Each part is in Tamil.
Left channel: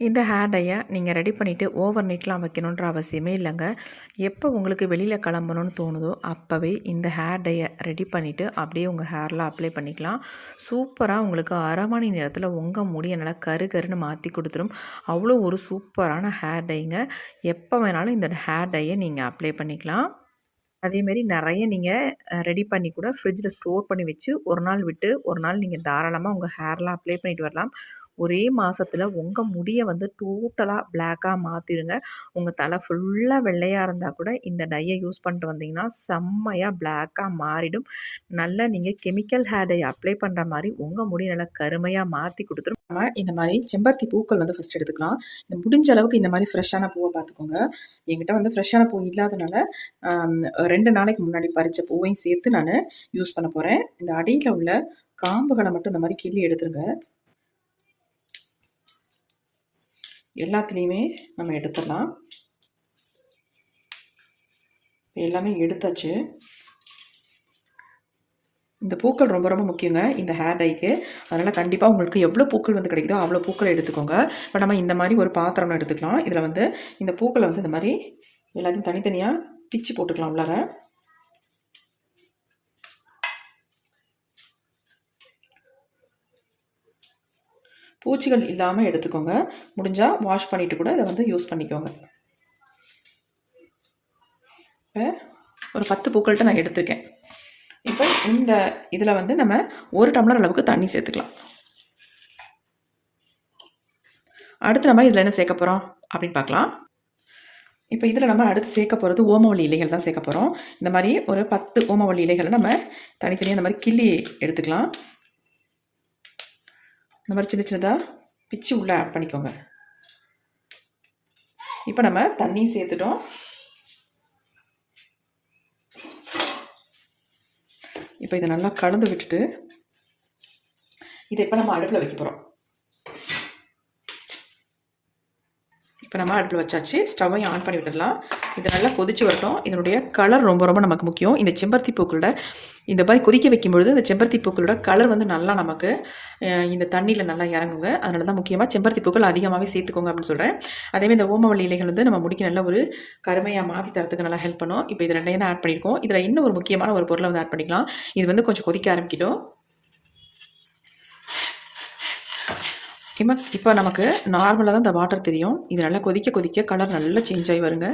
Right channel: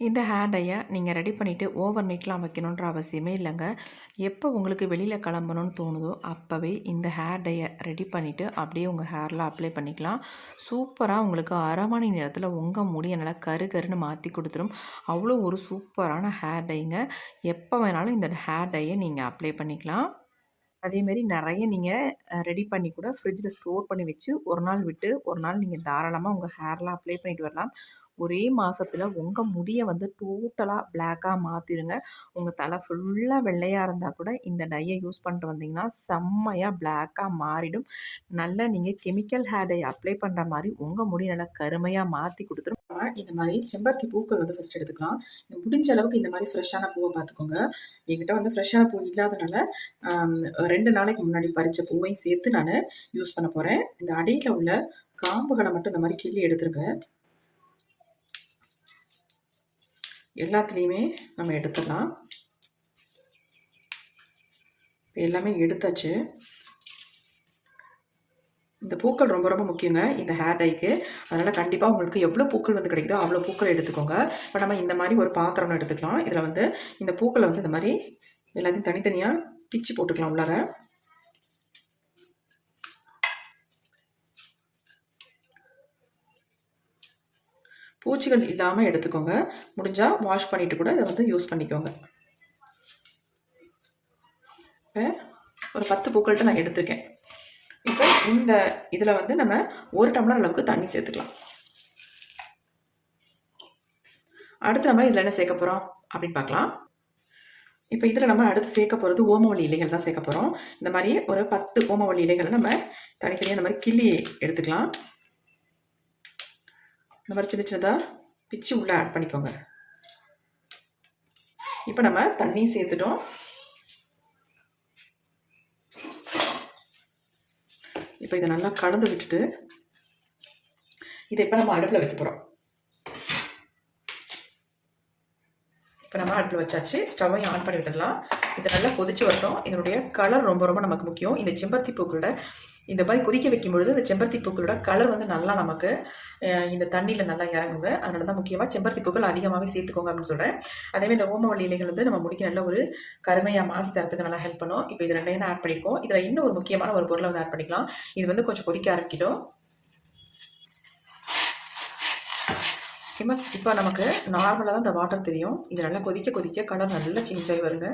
இந்த ஹேர் டையை நீங்கள் ரெடி பண்ணிவிட்டு ஓவர் நைட்லாம் வைக்கணுன்ற அவசியமே இல்லைங்க. எப்போ உங்களுக்கு வெளியில் கிளம்பணும்னு தோணுதோ அப்போவே இந்த ஹேர் டையை ரெடி பண்ணிவிட்டு அப்படியே உங்கள் ஹேரில் அப்ளை பண்ணிக்கலாம். சூப்பராக உங்களுக்கு அரை மணி நேரத்தில் உங்கள் முடியை நல்லா கரு கருன்னு மாற்றி கொடுத்துரும். அவ்வளோ ஒரு சூப்பரான ஹேர் டைங்க எப்போ வேணாலும் இந்த ஹேர் டையை நீங்கள் அப்ளை பண்ணிக்கலாம். அதேமாரி நிறைய நீங்கள் ரெடி பண்ணி கூட ஃப்ரிட்ஜில் ஸ்டோர் பண்ணி வச்சு ஒரு நாள் விட்டு ஒரு நாள் நீங்கள் தாராளமாக உங்கள் ஹேர்லாம் அப்ளை பண்ணிட்டு வரலாம். ஒரே மாதத்தில் உங்கள் முடியை வந்து டோட்டலாக பிளாக்காக மாற்றிடுங்க உங்கள் தலை ஃபுல்லாக வெள்ளையாக இருந்தால் கூட இந்த டையை யூஸ் பண்ணிட்டு வந்தீங்கன்னா செம்மையாக பிளாக்காக மாறிடும். நல்லா நீங்கள் கெமிக்கல் ஹேர் டை அப்ளை பண்ணுற மாதிரி உங்கள் முடி நல்லா கருமையாக மாற்றி கொடுத்துரும். நம்ம இந்த மாதிரி செம்பருத்தி பூக்கள் வந்து ஃபஸ்ட் எடுத்துக்கலாம். இந்த முடிஞ்ச அளவுக்கு இந்த மாதிரி ஃப்ரெஷ்ஷான பூவை பார்த்துக்கோங்க. என்கிட்ட வந்து ஃப்ரெஷ்ஷான பூ இல்லாதனால ரெண்டு நாளைக்கு முன்னாடி பறித்த பூவையும் சேர்த்து நான் யூஸ் பண்ண போகிறேன் இந்த அடியில் உள்ள காம்புகளை மட்டும் இந்த மாதிரி கிள்ளி எடுத்துருங்க. எல்லாத்துலேயுமே நம்ம எடுத்துடலாம். எல்லாமே எடுத்தாச்சு. இந்த பூக்கள் ரொம்ப ரொம்ப முக்கியங்க இந்த ஹேர் டைக்கு அதனால் கண்டிப்பாக உங்களுக்கு எவ்வளோ பூக்கள் வந்து கிடைக்குதோ அவ்வளோ பூக்களை எடுத்துக்கோங்க. இப்போ நம்ம இந்த மாதிரி ஒரு பாத்திரம் எடுத்துக்கலாம். இதில் வந்து இந்த பூக்களை வந்து இந்த மாதிரி எல்லாத்தையும் தனித்தனியாக பிச்சு போட்டுக்கலாம் உள்ளார. பூச்சிகள் இல்லாமல் எடுத்துக்கோங்க. முடிஞ்சால் வாஷ் பண்ணிவிட்டு கூட இதை வந்து யூஸ் பண்ணிக்கோங்க. இப்போ ஒரு பத்து பூக்கள்கிட்ட நான் எடுத்திருக்கேன். இப்போ இந்த இதில் வந்து நம்ம ஒரு டம்ளர் அளவுக்கு தண்ணி சேர்த்துக்கலாம். அடுத்து நம்ம இதில் என்ன சேர்க்க போகிறோம் அப்படின்னு பார்க்கலாம். இப்போ இதில் நம்ம அடுத்து சேர்க்க போகிறது ஓமவல்லி இலைகள் தான் சேர்க்க போகிறோம் இந்த மாதிரி ஒரு பத்து ஓமவல்லி இலைகளை நம்ம தனித்தனியாக இந்த மாதிரி கிள்ளி எடுத்துக்கலாம். இந்த மாதிரி சின்ன சின்னதாக பிச்சு உள்ளே ஆட் பண்ணிக்கோங்க. இப்போ நம்ம தண்ணி சேர்த்துட்டோம். இப்போ இதை நல்லா கலந்து விட்டுட்டு இதை இப்போ நம்ம அடுப்பில் வைக்க போகிறோம் இப்போ நம்ம அடுப்பில் வச்சாச்சு. ஸ்டவ்வையும் ஆன் பண்ணி விட்டுடலாம். இது நல்லா கொதிச்சு வரட்டும். இதனுடைய கலர் ரொம்ப ரொம்ப நமக்கு முக்கியம். இந்த செம்பருத்தி பூக்களோட இந்த மாதிரி கொதிக்க வைக்கும்பொழுது இந்த செம்பருத்தி பூக்களோட கலர் வந்து நல்லா நமக்கு இந்த தண்ணியில் நல்லா இறங்குங்க. அதனால தான் முக்கியமாக செம்பருத்தி பூக்கள் அதிகமாகவே சேர்த்துக்கோங்க அப்படின்னு சொல்கிறேன் அதேமாதிரி இந்த ஓமவல்லி இலைகள் வந்து நம்ம முடிக்க நல்ல ஒரு கருமையாக மாற்றி தரத்துக்கு நல்லா ஹெல்ப் பண்ணும். இப்போ இது ரெண்டையும் தான் ஆட் பண்ணியிருக்கோம். இதில் இன்னும் ஒரு முக்கியமான ஒரு பொருளை வந்து ஆட் பண்ணிக்கலாம். இது வந்து கொஞ்சம் கொதிக்க ஆரம்பிக்கிட்டோம். இப்போ இப்போ நமக்கு நார்மலாக தான் இந்த வாட்டர் தெரியும். இது நல்லா கொதிக்க கொதிக்க கலர் நல்லா சேஞ்ச் ஆகி வருங்க.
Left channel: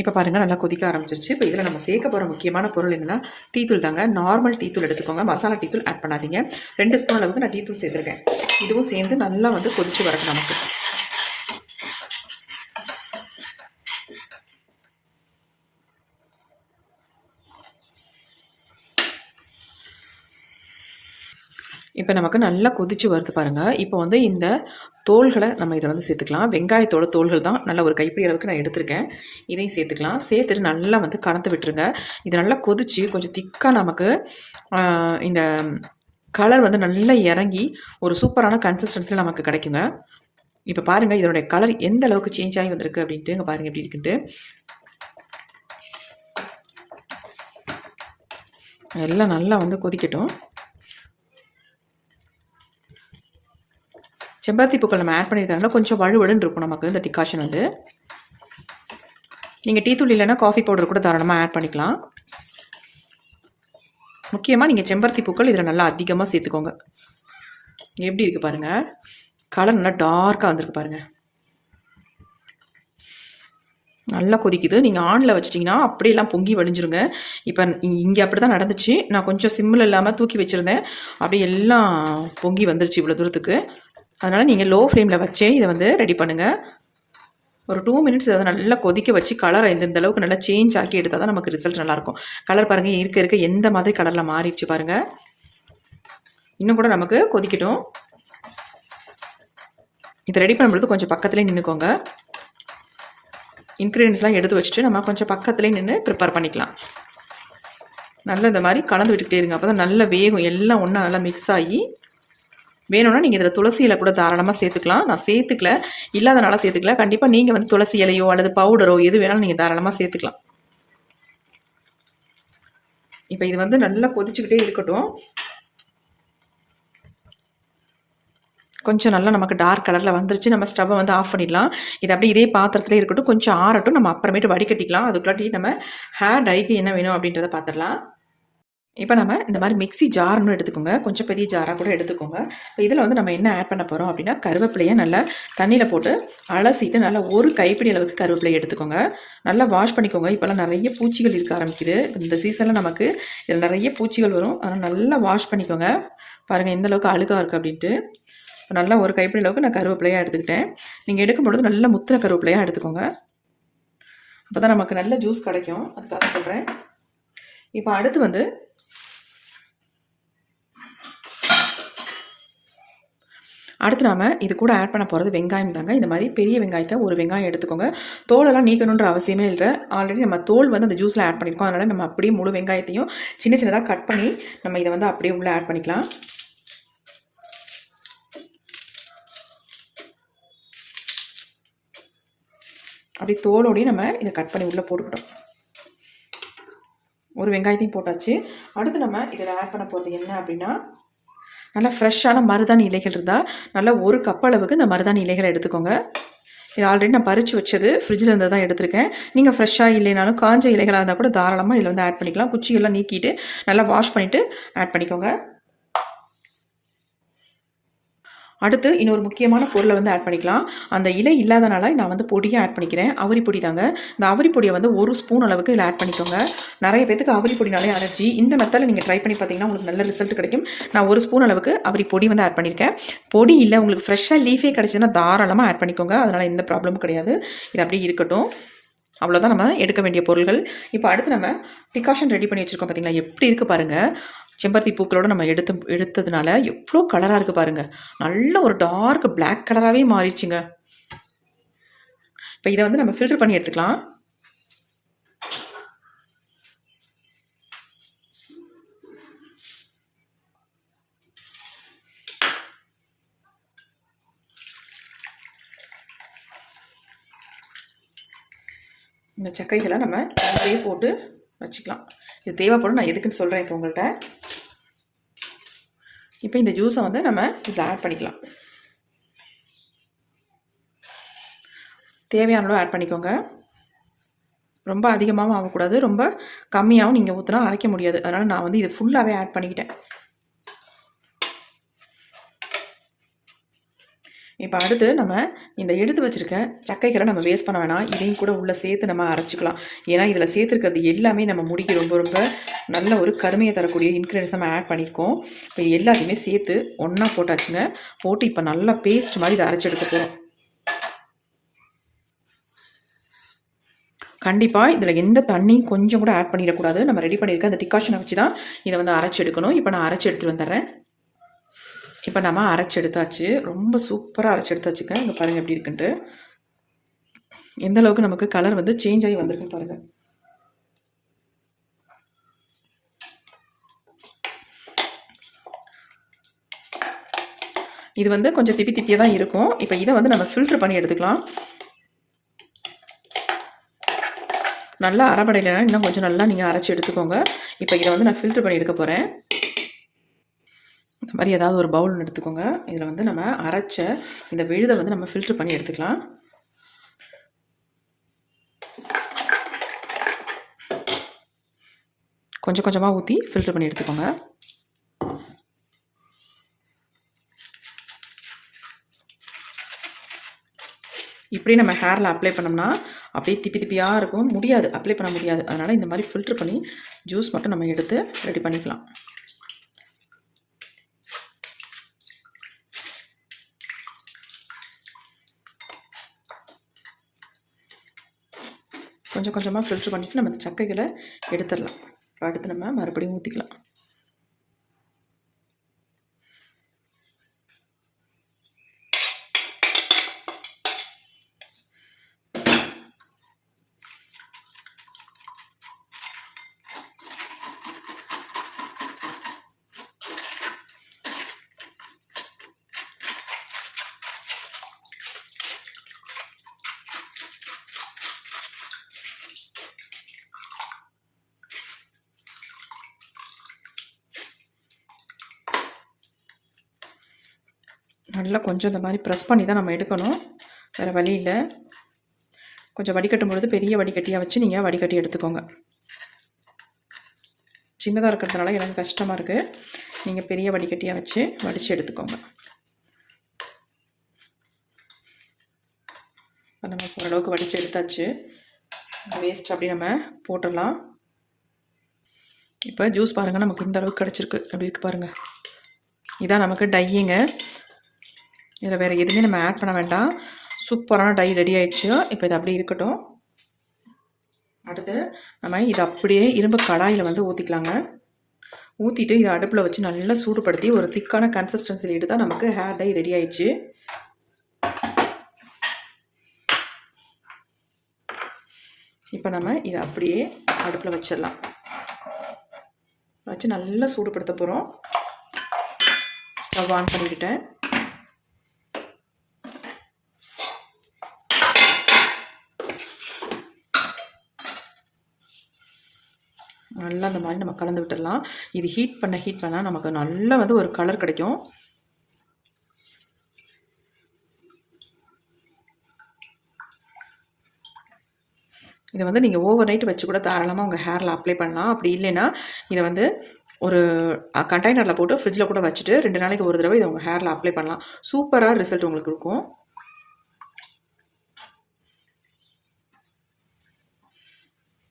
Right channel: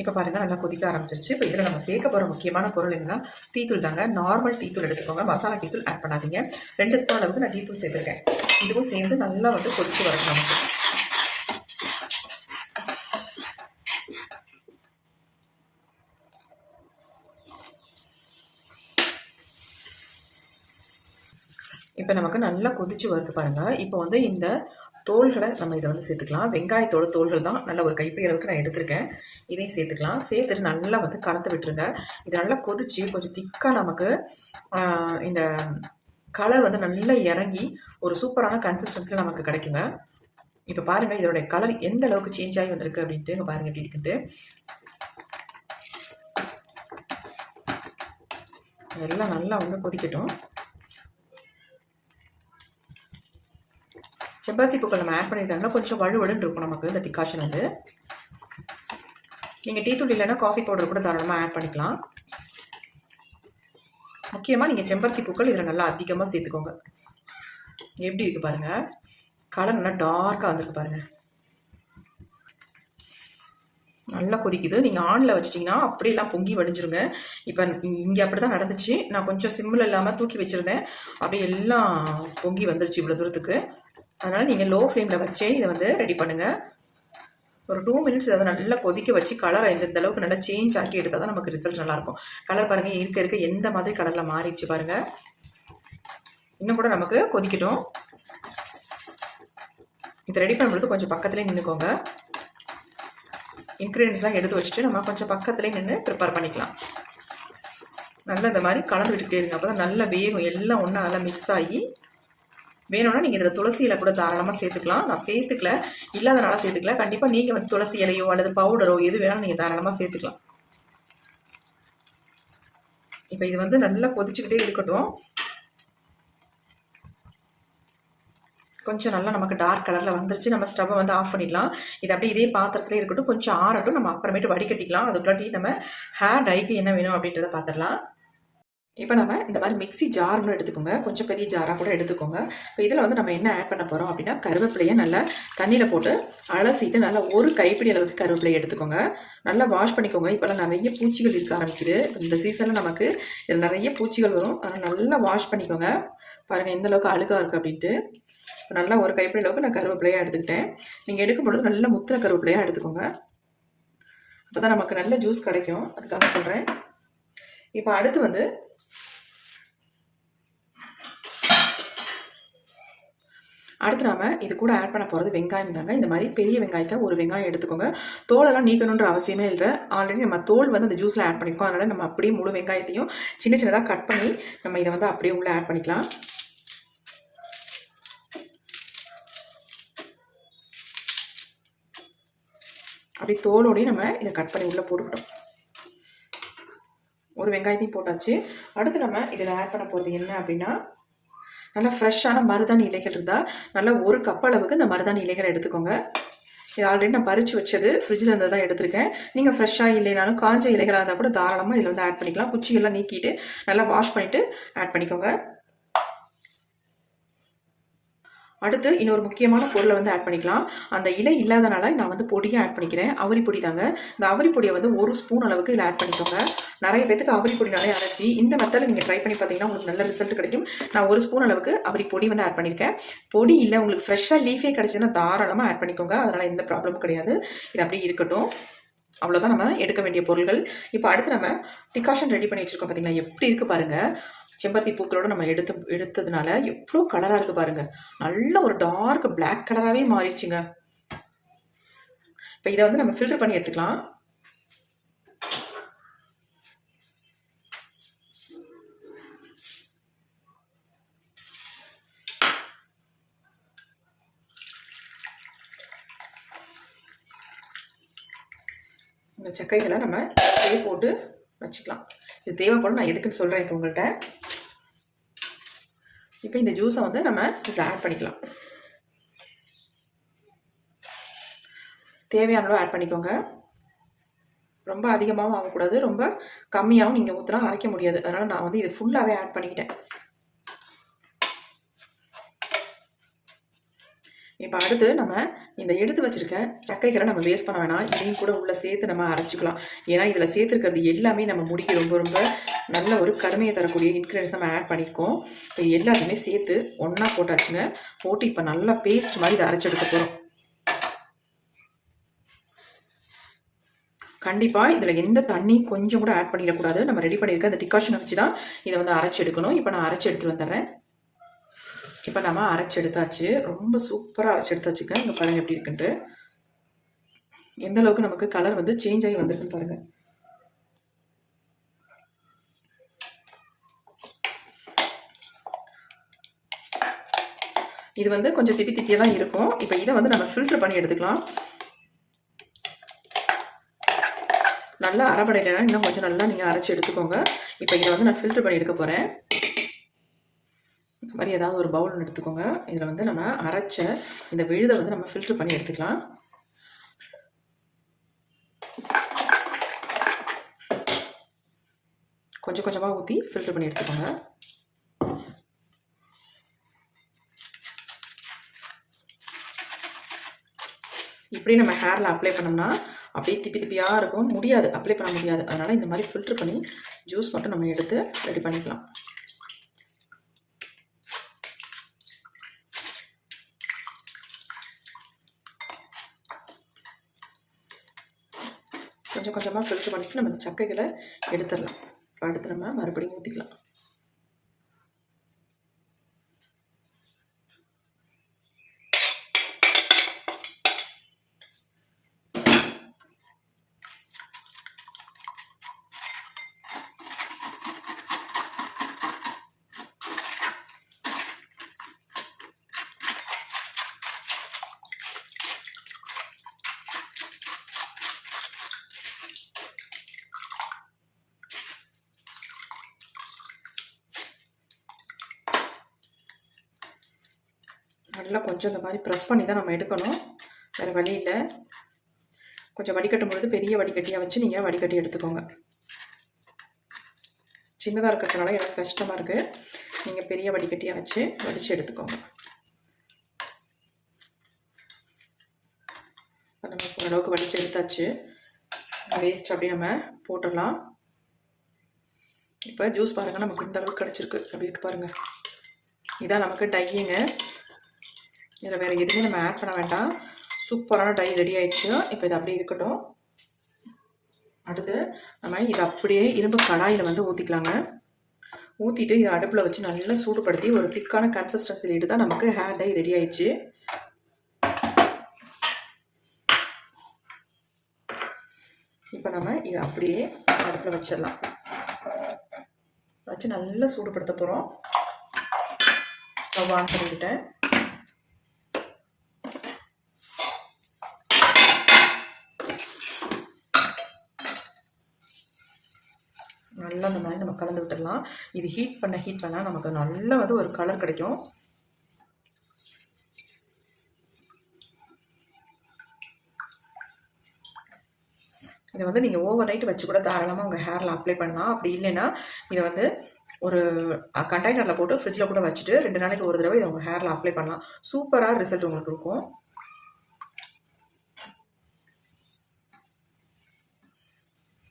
இப்போ பாருங்கள் நல்லா கொதிக்க ஆரம்பிச்சிருச்சு. இப்போ இதில் நம்ம சேர்க்க போகிற முக்கியமான பொருள் என்னென்னா டீத்தூள் தாங்க. நார்மல் டீத்தூள் எடுத்துக்கோங்க. மசாலா டீத்தூள் ஆட் பண்ணாதீங்க. ரெண்டு ஸ்பூன் அளவுக்கு நான் டீத்தூள் சேர்த்துருக்கேன். இதுவும் சேர்ந்து நல்லா வந்து கொதிச்சு வரணும் நமக்கு. இப்போ நமக்கு நல்லா கொதிச்சு வருது பாருங்கள் இப்போ வந்து இந்த தோள்களை நம்ம இதை வந்து சேர்த்துக்கலாம். வெங்காயத்தோட தோள்கள் தான் நல்ல ஒரு கைப்பிடி அளவுக்கு நான் எடுத்திருக்கேன். இதையும் சேர்த்துக்கலாம். சேர்த்துட்டு நல்லா வந்து கலந்து விட்டுருங்க. இது நல்லா கொதிச்சு கொஞ்சம் திக்காக நமக்கு இந்த கலர் வந்து நல்லா இறங்கி ஒரு சூப்பரான கன்சிஸ்டன்சியில் நமக்கு கிடைக்குங்க. இப்போ பாருங்கள் இதோடைய கலர் எந்த அளவுக்கு சேஞ்ச் ஆகி வந்திருக்கு அப்படின்ட்டு இங்கே பாருங்கள் எப்படி இருக்குன்ட்டு. எல்லாம் நல்லா வந்து கொதிக்கட்டும். செம்பருத்தி பூக்கள் நம்ம ஆட் பண்ணியிருக்கனால கொஞ்சம் வழுவழுன்னு இருக்கும் நமக்கு இந்த டிகாஷன் வந்து. நீங்கள் டீ தூள் இல்லைன்னா காஃபி பவுடர் கூட தாராளமாக ஆட் பண்ணிக்கலாம். முக்கியமாக நீங்கள் செம்பருத்தி பூக்கள் இதில் நல்லா அதிகமாக சேர்த்துக்கோங்க. எப்படி இருக்குது பாருங்கள் கலர் நல்லா டார்க்காக வந்திருக்கு பாருங்கள் நல்லா கொதிக்குது. நீங்கள் ஆனில் வச்சிட்டிங்கன்னா அப்படியெல்லாம் பொங்கி வடிஞ்சிருங்க இப்போ இங்கே அப்படி தான் நடந்துச்சு. நான் கொஞ்சம் சிம்மில் இல்லாமல் தூக்கி வச்சுருந்தேன். அப்படியே எல்லாம் பொங்கி வந்துருச்சு இவ்வளோ தூரத்துக்கு. அதனால் நீங்கள் லோ ஃப்ளேமில் வச்சே இதை வந்து ரெடி பண்ணுங்கள் ஒரு டூ மினிட்ஸ் அதை நல்லா கொதிக்க வச்சு கலரை இந்த அளவுக்கு நல்லா சேஞ்ச் ஆக்கி எடுத்தால் தான் நமக்கு ரிசல்ட் நல்லாயிருக்கும் கலர் பாருங்கள் இருக்க இருக்க. எந்த மாதிரி கலரில் மாறிடுச்சு பாருங்கள் இன்னும் கூட நமக்கு கொதிக்கட்டும். இதை ரெடி பண்ணும்போது கொஞ்சம் பக்கத்துலேயே நின்றுக்கோங்க இன்க்ரீடியன்ஸ்லாம் எடுத்து வச்சுட்டு நம்ம கொஞ்சம் பக்கத்துலேயே நின்று ப்ரிப்பேர் பண்ணிக்கலாம். நல்லா இந்த மாதிரி கலந்து விட்டுக்கிட்டே இருங்க. அப்போ தான் நல்லா வேகும். எல்லாம் ஒன்றா நல்லா மிக்ஸ் ஆகி வேணும்னா நீங்கள் இதில் துளசி இலை கூட தாராளமாக சேர்த்துக்கலாம். நான் சேர்த்துக்கல. இல்லாதனால சேர்த்துக்கல. கண்டிப்பாக நீங்கள் வந்து துளசி இலையோ அல்லது பவுடரோ எது வேணாலும் நீங்கள் தாராளமாக சேர்த்துக்கலாம். இப்போ இது வந்து நல்லா கொதிச்சுக்கிட்டே இருக்கட்டும். கொஞ்சம் நல்லா நமக்கு டார்க் கலரில் வந்துருச்சு. நம்ம ஸ்டவ்வை வந்து ஆஃப் பண்ணிடலாம். இது அப்படியே இதே பாத்திரத்துலேயே இருக்கட்டும். கொஞ்சம் ஆறட்டும். நம்ம அப்புறமேட்டு வடிகட்டிக்கலாம். அதுக்குள்ளாட்டி நம்ம ஹேர் டைக்கு என்ன வேணும் அப்படின்றத பார்த்துடலாம் இப்போ நம்ம இந்த மாதிரி மிக்ஸி ஜார்னு எடுத்துக்கோங்க. கொஞ்சம் பெரிய ஜாராக கூட எடுத்துக்கோங்க. இப்போ இதில் வந்து நம்ம என்ன ஆட் பண்ண போகிறோம் அப்படின்னா கருவேப்பிலையை நல்லா தண்ணியில் போட்டு அலசிட்டு நல்லா ஒரு கைப்பிடி அளவுக்கு கருவேப்பிலையை எடுத்துக்கோங்க. நல்லா வாஷ் பண்ணிக்கோங்க. இப்போல்லாம் நிறைய பூச்சிகள் இருக்க ஆரம்பிக்குது. இந்த சீசனில் நமக்கு இதில் நிறைய பூச்சிகள் வரும். அதனால் நல்லா வாஷ் பண்ணிக்கோங்க. பாருங்கள் எந்த அளவுக்கு அழுக்காக இருக்குது அப்படின்ட்டு. இப்போ நல்லா ஒரு கைப்பிடி அளவுக்கு நான் கருவேப்பிலையாக எடுத்துக்கிட்டேன். நீங்கள் எடுக்கும் பொழுது நல்ல முத்திர கருவேப்பிலையாக எடுத்துக்கோங்க. அப்போ தான் நமக்கு நல்ல ஜூஸ் கிடைக்கும். அதுக்காக சொல்கிறேன் இப்போ அடுத்து வந்து அடுத்து நாம இது கூட ஆட் பண்ண போகிறது வெங்காயம் தாங்க. இந்த மாதிரி பெரிய வெங்காயத்தை ஒரு வெங்காயம் எடுத்துக்கோங்க. தோலெல்லாம் நீக்கணுன்ற அவசியமே இல்லை. ஆல்ரெடி நம்ம தோல் வந்து அந்த ஜூஸில் ஆட் பண்ணியிருக்கோம் அதனால் நம்ம அப்படியே முழு வெங்காயத்தையும் சின்ன சின்னதாக கட் பண்ணி நம்ம இதை வந்து அப்படியே உள்ளே ஆட் பண்ணிக்கலாம். அப்படி தோலோடையும் நம்ம இதை கட் பண்ணி உள்ளே போட்டுக்கிட்டோம். ஒரு வெங்காயத்தையும் போட்டாச்சு. அடுத்து நம்ம இதில் ஆட் பண்ண போகிறது என்ன அப்படின்னா நல்லா ஃப்ரெஷ்ஷான மருதாணி இலைகள் இருந்தால் நல்லா ஒரு கப் அளவுக்கு இந்த மருதாணி இலைகளை எடுத்துக்கோங்க. இது ஆல்ரெடி நான் பறித்து வச்சது ஃப்ரிட்ஜில் இருந்து தான் எடுத்திருக்கேன். நீங்கள் ஃப்ரெஷ்ஷாக இல்லைனாலும் காஞ்ச இலைகளாக இருந்தால் கூட தாராளமாக இதில் வந்து ஆட் பண்ணிக்கலாம். குச்சியெல்லாம் நீக்கிட்டு நல்லா வாஷ் பண்ணிவிட்டு ஆட் பண்ணிக்கோங்க. அடுத்து இன்னொரு முக்கியமான பொருளை வந்து ஆட் பண்ணிக்கலாம். அந்த இலை இல்லாதனால நான் வந்து பொடியை ஆட் பண்ணிக்கிறேன். அவரி பொடி தாங்க. இந்த அவரி பொடியை வந்து ஒரு ஸ்பூன் அளவுக்கு இதில் ஆட் பண்ணிக்கோங்க. நிறைய பேத்துக்கு அவரி பொடினாலே அலர்ஜி இந்த மெத்தடில் நீங்கள் ட்ரை பண்ணி பார்த்தீங்கன்னா உங்களுக்கு நல்ல ரிசல்ட் கிடைக்கும். நான் ஒரு ஸ்பூன் அளவுக்கு அவரி பொடி வந்து ஆட் பண்ணியிருக்கேன் பொடி இல்லை உங்களுக்கு ஃப்ரெஷ்ஷாக லீஃபே கிடச்சுன்னா தாராளமாக ஆட் பண்ணிக்கோங்க. அதனால் எந்த ப்ராப்ளமும் கிடையாது. இது அப்படியே இருக்கட்டும். அவ்வளோதான் நம்ம எடுக்க வேண்டிய பொருள்கள். இப்போ அடுத்து நம்ம டிகாஷன் ரெடி பண்ணி வச்சுருக்கோம் பார்த்தீங்களா எப்படி இருக்குது பாருங்கள் செம்பருத்தி பூக்களோட நம்ம எடுத்து எடுத்ததுனால எவ்வளோ கலராக இருக்குது பாருங்கள் நல்ல ஒரு டார்க் பிளாக் கலராகவே மாறிடுச்சுங்க. இப்போ இதை வந்து நம்ம ஃபில்டர் பண்ணி எடுத்துக்கலாம். இந்த சக்கைகளை நம்ம அப்படியே போட்டு வச்சுக்கலாம். இது தேவைப்படும் நான் எதுக்குன்னு சொல்கிறேன் இப்போ உங்கள்கிட்ட இப்போ இந்த ஜூஸை வந்து நம்ம இதில் ஆட் பண்ணிக்கலாம். தேவையான அளவு ஆட் பண்ணிக்கோங்க. ரொம்ப அதிகமாகவும் ஆகக்கூடாது. ரொம்ப கம்மியாகவும் நீங்கள் ஊற்றினா அரைக்க முடியாது. அதனால் நான் வந்து இது ஃபுல்லாகவே ஆட் பண்ணிக்கிட்டேன். இப்போ அடுத்து நம்ம இந்த எடுத்து வச்சுருக்க சக்கைகளை நம்ம வேஸ்ட் பண்ண வேணாம். இதையும் கூட உள்ளே சேர்த்து நம்ம அரைச்சிக்கலாம். ஏன்னா இதில் சேர்த்துருக்கிறது எல்லாமே நம்ம முடிக்க ரொம்ப ரொம்ப நல்ல ஒரு கருமையை தரக்கூடிய இன்க்ரீடியன்ஸ் நம்ம ஆட் பண்ணியிருக்கோம் இப்போ எல்லாத்தையுமே சேர்த்து ஒன்றா போட்டாச்சுங்க. போட்டு இப்போ நல்லா பேஸ்ட் மாதிரி இதை அரைச்சி எடுக்க போகிறோம் கண்டிப்பாக இதில் எந்த தண்ணியும் கொஞ்சம் கூட ஆட் பண்ணிடக்கூடாது. நம்ம ரெடி பண்ணியிருக்க அந்த டிகாஷனை வச்சு தான் இதை வந்து அரைச்சி எடுக்கணும். இப்போ நான் அரைச்சி எடுத்துகிட்டு வந்துடுறேன். இப்போ நம்ம அரைச்சி எடுத்தாச்சு ரொம்ப சூப்பராக அரைச்சி எடுத்தாச்சுங்க இங்கே பாருங்கள் எப்படி இருக்குன்ட்டு. எந்த அளவுக்கு நமக்கு கலர் வந்து சேஞ்ச் ஆகி வந்திருக்குன்னு பாருங்கள் இது வந்து கொஞ்சம் திப்பி திப்பியாக தான் இருக்கும். இப்போ இதை வந்து நம்ம ஃபில்ட்ரு பண்ணி எடுத்துக்கலாம். நல்லா அரைப்படையில் இன்னும் கொஞ்சம் நல்லா நீங்கள் அரைச்சி எடுத்துக்கோங்க. இப்போ இதை வந்து நான் ஃபில்ட்ரு பண்ணி எடுக்க போகிறேன் இந்த மாதிரி ஏதாவது ஒரு பவுல் எடுத்துக்கோங்க. இதில் வந்து நம்ம அரைச்ச இந்த விழுதை வந்து நம்ம ஃபில்ட்ரு பண்ணி எடுத்துக்கலாம். கொஞ்சம் கொஞ்சமாக ஊற்றி ஃபில்ட்ரு பண்ணி எடுத்துக்கோங்க. இப்படி நம்ம ஹேரில் அப்ளை பண்ணோம்னா அப்படியே திப்பி திப்பியாக இருக்கும். முடியாது. அப்ளை பண்ண முடியாது. அதனால் இந்த மாதிரி ஃபில்ட்ரு பண்ணி ஜூஸ் மட்டும் நம்ம எடுத்து ரெடி பண்ணிக்கலாம். கொஞ்சம் கொஞ்சமாக ஃபில்ட்ரு பண்ணிட்டு நம்ம இந்த சக்கைகளை எடுத்துடலாம். அடுத்து நம்ம மறுபடியும் ஊற்றிக்கலாம் நல்லா கொஞ்சம் இந்த மாதிரி ப்ரெஸ் பண்ணி தான் நம்ம எடுக்கணும். வேறு வழி இல்லை. கொஞ்சம் வடிகட்டும் பொழுது பெரிய வடிகட்டியாக வச்சு நீங்கள் வடிகட்டி எடுத்துக்கோங்க. சின்னதாக இருக்கிறதுனால எனக்கு கஷ்டமாக இருக்குது நீங்கள் பெரிய வடிகட்டியாக வச்சு வடித்து எடுத்துக்கோங்க. நம்ம ஓரளவுக்கு வடித்து எடுத்தாச்சு. வேஸ்ட் அப்படி நம்ம போட்டுடலாம். இப்போ ஜூஸ் பாருங்கள் நமக்கு இந்த அளவுக்கு கிடச்சிருக்கு. அப்படி இருக்கு பாருங்கள் இதான் நமக்கு டையிங்க இதில் வேறு எதுவுமே நம்ம ஆட் பண்ண வேண்டாம். சூப்பரான டை ரெடி ஆகிடுச்சு இப்போ இது அப்படியே இருக்கட்டும். அடுத்து நம்ம இதை அப்படியே இரும்பு கடாயில் வந்து ஊற்றிக்கலாங்க ஊற்றிட்டு இதை அடுப்பில் வச்சு நல்லா சூடுபடுத்தி ஒரு திக்கான கன்சிஸ்டன்சியில் எடுத்தால் நமக்கு ஹேர் டை ரெடி ஆயிடுச்சு. இப்போ நம்ம இதை அப்படியே அடுப்பில் வச்சிடலாம். வச்சு நல்லா சூடுபடுத்த போகிறோம். ஸ்டவ் ஆன் பண்ணிக்கிட்டேன் நல்லா அந்த மாதிரி நம்ம கலந்து விட்டுடலாம். இது ஹீட் பண்ண ஹீட் பண்ணால் நமக்கு நல்லா வந்து ஒரு கலர் கிடைக்கும். இதை வந்து நீங்கள் ஓவர் நைட் வச்சு கூட தாராளமாக உங்கள் ஹேரில் அப்ளை பண்ணலாம். அப்படி இல்லைன்னா இதை வந்து ஒரு கண்டெய்னரில் போட்டு ஃப்ரிட்ஜில் கூட வச்சுட்டு ரெண்டு நாளைக்கு ஒரு தடவை இதை உங்கள் ஹேரில் அப்ளை பண்ணலாம். சூப்பராக ரிசல்ட் உங்களுக்கு இருக்கும்.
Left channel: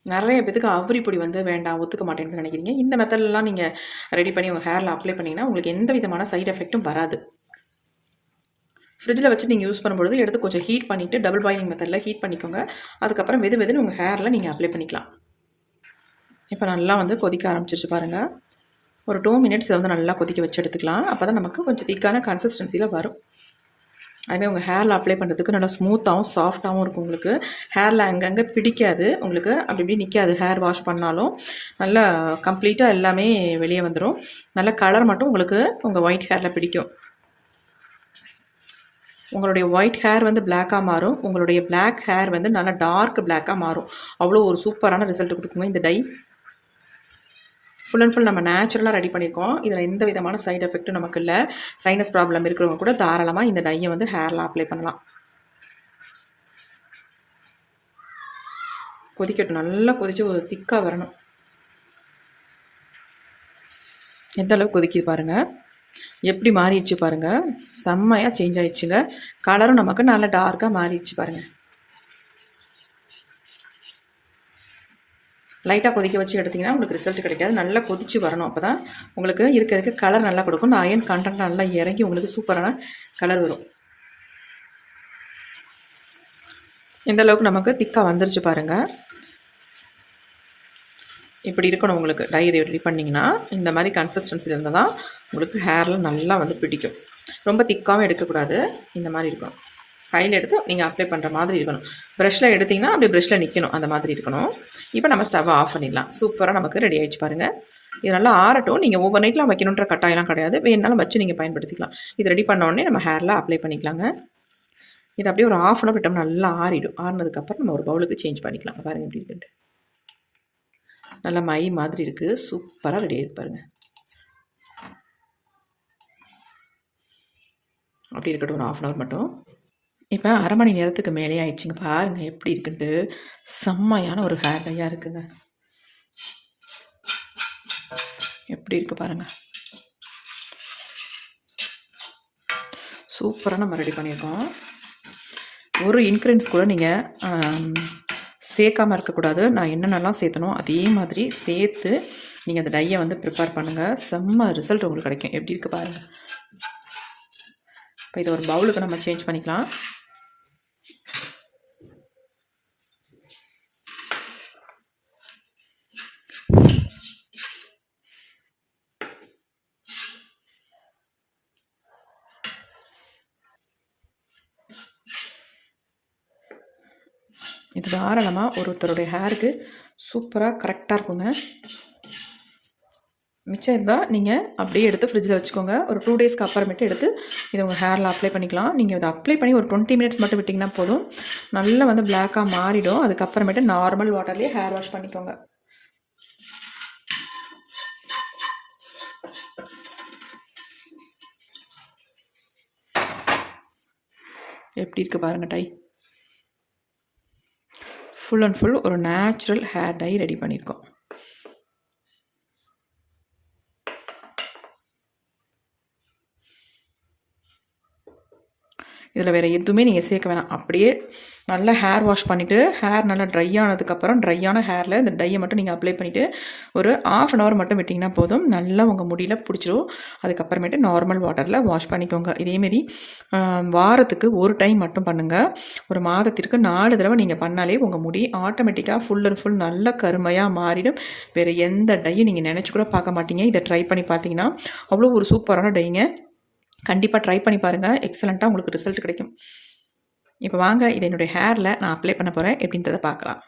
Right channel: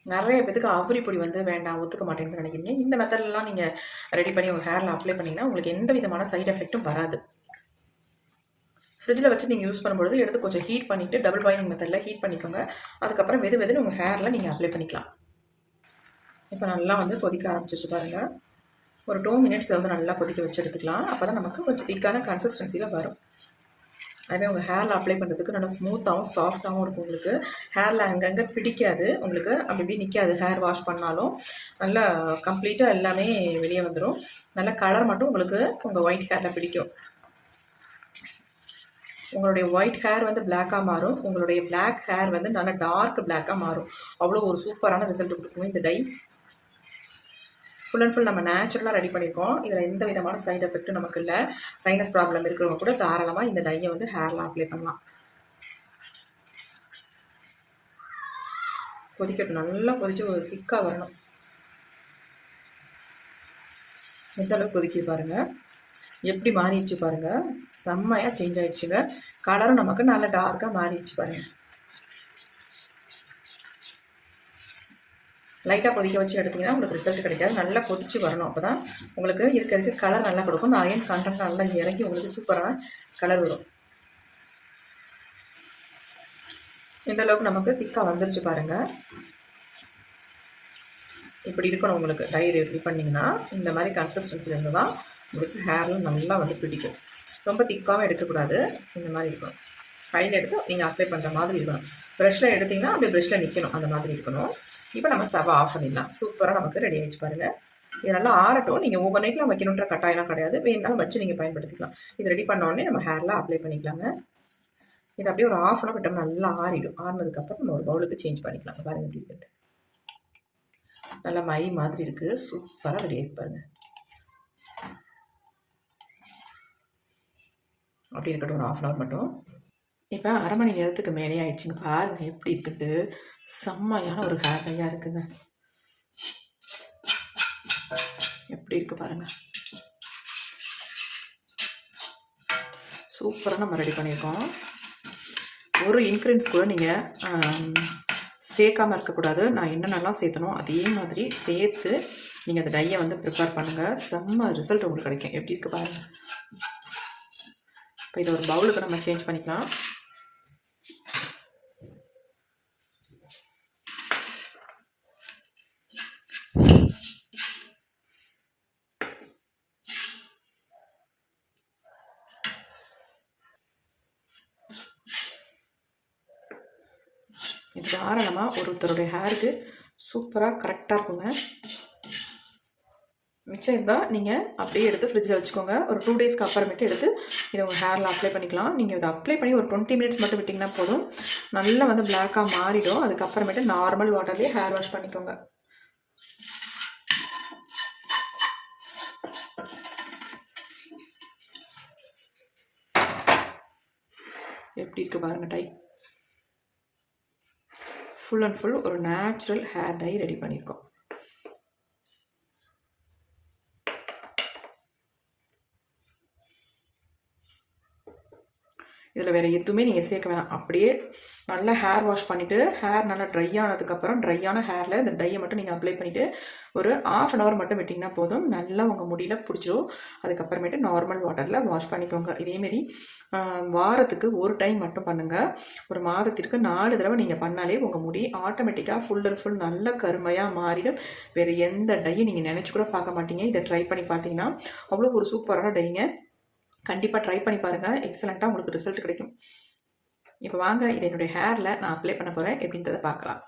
நிறைய பேத்துக்கு அவுரி பொடி வந்து வேண்டாம் ஒத்துக்க மாட்டேன்னு நினைக்கிறீங்க. இந்த மெத்தட்லாம் நீங்கள் ரெடி பண்ணி உங்கள் ஹேரில் அப்ளை பண்ணிங்கன்னா உங்களுக்கு எந்த விதமான சைட் எஃபெக்ட்டும் வராது. ஃப்ரிட்ஜில் வச்சு நீங்கள் யூஸ் பண்ணும்பொழுது எடுத்து கொஞ்சம் ஹீட் பண்ணிவிட்டு டபுள் பாயிலிங் மெத்தடில் ஹீட் பண்ணிக்கோங்க. அதுக்கப்புறம் வெது வெதுன்னு உங்கள் ஹேரில் நீங்கள் அப்ளை பண்ணிக்கலாம். இப்போ நல்லா வந்து கொதிக்க ஆரம்பிச்சிருச்சு பாருங்கள் ஒரு டூ மினிட்ஸ் வந்து நல்லா கொதிக்க வச்சு எடுத்துக்கலாம். அப்போ தான் நமக்கு கொஞ்சம் திக்கான கன்சிஸ்டன்சியில் வரும். அதுமாதிரி உங்கள் ஹேரில் அப்ளை பண்ணுறதுக்கு நல்லா ஸ்மூத்தாகவும் சாஃப்டாகவும் இருக்கும் உங்களுக்கு. ஹேரில் அங்கங்கே பிடிக்காது. உங்களுக்கு அப்படி இப்படி நிற்காது ஹேர் வாஷ் பண்ணாலும் நல்லா கம்ப்ளீட்டாக எல்லாமே வெளியே வந்துடும் நல்ல கலர் மட்டும் உங்களுக்கு உங்கள் ஒயிட் ஹேரில் பிடிக்கும். உங்களுடைய ஒயிட் ஹேர் வந்து பிளாக்காக மாறும். உங்களுடைய பிளாக் ஹேர் வந்து நல்லா டார்க் பிளாக்காக மாறும். அவ்வளோ ஒரு சூப்பரான ரிசல்ட் கொடுக்குங்க இந்த டை ஃபுல் அண்ட் ஃபுல் நம்ம நேச்சுரலாக ரெடி பண்ணியிருக்கோம் இதில் எந்த விதமான சைடு எஃபெக்ட்டும் நமக்கு இல்லை. சைனஸ் ப்ராப்ளம் இருக்கிறவங்க கூட தாராளமாக இந்த டையை வந்து ஹேரில் அப்ளை பண்ணலாம். கொதிக்கட்டும். நல்லா கொதித்து ஒரு திக்காக வரணும். எந்த அளவுக்கு கொதிக்குது பாருங்கள் எப்படி மாறிடுச்சு பாருங்கள் செம்மையாக சேஞ்ச் ஆயிடுச்சுங்க. கலரும் நமக்கு நல்லா டார்க்காக மாறிடுச்சு பாருங்கள் லைட்டாக கொதிக்க வச்சு எடுத்திங்கன்னா உங்களுக்கு ரிசல்ட் கிடைக்காது. நல்லா கொதிச்சு வரணும் அப்போ தான் உங்களுக்கு இருக்க இருக்க கலர் நல்லா கொடுக்கும். இந்த அயன் கண்டென்ட் நல்லா இறங்கி உங்களுக்கு சூப்பரான கலர் வரும். எந்த அளவுக்கு நமக்கு திக்காக வந்துருச்சு பாருங்கள் இப்படி இருக்கணும் உங்களுக்கு. டை ரெடி பண்ணிங்கன்னா இந்த மாதிரி கன்சிஸ்டன்சி இருந்தால் தான் உங்களுக்கு ஹேரில் நல்லா வந்து பிடிக்கும். ரொம்ப திக்காகவும் எடுக்கக்கூடாது. இந்த மாதிரி இருக்கணும். கையில் எடுத்து நீங்கள் அப்ளை பண்ணுற மாதிரி இருக்கணும். ப்ரெஷ்ஷில் எடுத்திங்கன்னா அப்படியே ப்ரெஷ்ஷில் நிற்கணும் அந்த மாதிரி இருக்கணும். இப்போ நம்ம ஸ்டவ்வை ஆஃப் பண்ணிடலாம். சூப்பராக நமக்கு ரெடி ஆகிடுச்சு பாருங்கள் இது நல்லா ஆறட்டும். நீங்கள் ஓவர் நைட்லாம் வைக்கணுன்ற கட்டாயம்லாம் கிடையாது. வேணாலும் வச்சு நீங்கள் பயன்படுத்திக்கலாம். இது ரெடி பண்ண உடனே நம்ம ஹேரில் அப்ளை பண்ணிக்கலாங்க. இது அப்படியே ஒரு ஆஃப் அன் அவர் விட்டோம் நல்லா ஆறிடும். ஆறினதுக்கப்புறம் நம்ம ஒரு பவுலுக்கு சேஞ்ச் பண்ணிக்கலாம். பாருங்கள் எப்படி இருக்குன்ட்டு. நல்லா மை மாதிரி இருக்குது சூப்பராக ரெடி ஆகிருப்பாருங்க அப்படி இருக்கட்டும். ஒரு ஆஃப் அன் அவர் மட்டும். இப்போ அரை மணி நேரத்துக்கு மேலே ஆயிடுச்சுங்க. பாருங்கள் எப்படி இருக்குன்ட்டு. செம்மையான ஒரு ஹேர் டையாக இருக்குங்க. எப்படி இருக்கு பாருங்க. சூப்பராக நம்ம ரெடி பண்ணியிருக்கோம். ஒரு இன்க்ரீடியன்ஸ் கூட நீங்கள் சேர்க்காமல் இருக்கக்கூடாது. நான் என்னென்னலாம் சேர்த்தனோ அதே மாதிரி சேர்த்து நீங்கள் அந்த டையை வந்து ப்ரிப்பேர் பண்ணுங்கள் செம்ம ரிசல்ட் உங்களுக்கு கிடைக்கும். எப்படி இருக்குது பாருங்கள் இப்போ இதை ஒரு பவுலுக்கு நம்ம சேஞ்ச் பண்ணிக்கலாம். இது தாராளமாக ஒருத்தருடைய ஹேருக்கு சூப்பராக கரெக்டாக இருக்குங்க. மிச்சம் இருந்தால் நீங்கள் அப்படியே எடுத்து ஃப்ரிட்ஜில் வச்சுக்கோங்க. ஒரு டூ டேஸ்க்கு அப்புறமேட்டு எடுத்து இதை உங்கள் ஹேரில் அப்ளை பண்ணிக்கலாம். நீங்கள் இதை அப்ளை பண்ணி ஒரு டுவெண்ட்டி மினிட்ஸ் மட்டும் விட்டிங்கன்னா போதும். நல்லா வந்து பிளாக்காக மாறிடும். அதுக்கப்புறமேட்டு நார்மல் வாட்டர்லேயே ஹேர் வாஷ் பண்ணிக்கோங்க. எப்படி இருக்குது பாருங்கள் டை. ஃபுல் அண்ட் ஃபுல் ஒரு நேச்சுரல் ஹேர் டை ரெடி பண்ணியிருக்கோம். இதில் வேறு எதுவுமே நீங்கள் சேர்க்க வேணாம். அப்படியே நல்லா ஹேர் வாஷ் பண்ணிவிட்டு ஹேர் நல்லா ட்ரை ஆனதுக்கப்புறம் ட்ரையான ஹேரில் இந்த டையை மட்டும் நீங்கள் அப்ளை பண்ணிவிட்டு ஒரு ஆஃப் அன் ஹவர் மட்டும் விட்டிங்கன்னா போதும். நல்லா உங்கள் முடியில் பிடிச்சிரும். அதுக்கப்புறமேட்டு நார்மல் வாட்டரில் வாஷ் பண்ணிக்கோங்க. இதேமாரி வாரத்துக்கு ஒரு டைம் மட்டும் பண்ணுங்கள் ஒரு மாதத்திற்கு நாலு தடவை நீங்கள் பண்ணாலே உங்கள் முடி ஆட்டோமேட்டிக்காக ஃபுல் அண்ட் ஃபுல் நல்ல கருமையாக மாறிடும். வேறு எந்த டையும் நீங்கள் நினச்சி கூட பார்க்க மாட்டீங்க. இதை ட்ரை பண்ணி பார்த்தீங்கன்னா அவ்வளோ ஒரு சூப்பரான டைங்க கண்டிப்பாக ட்ரை பண்ணி பாருங்கள் எக்ஸலண்ட்டாக உங்களுக்கு ரிசல்ட் கிடைக்கும். இப்போ வாங்க இதை என்னுடைய ஹேரில் நான் அப்ளை பண்ண போகிறேன் எப்படின்றத பார்க்கலாம்.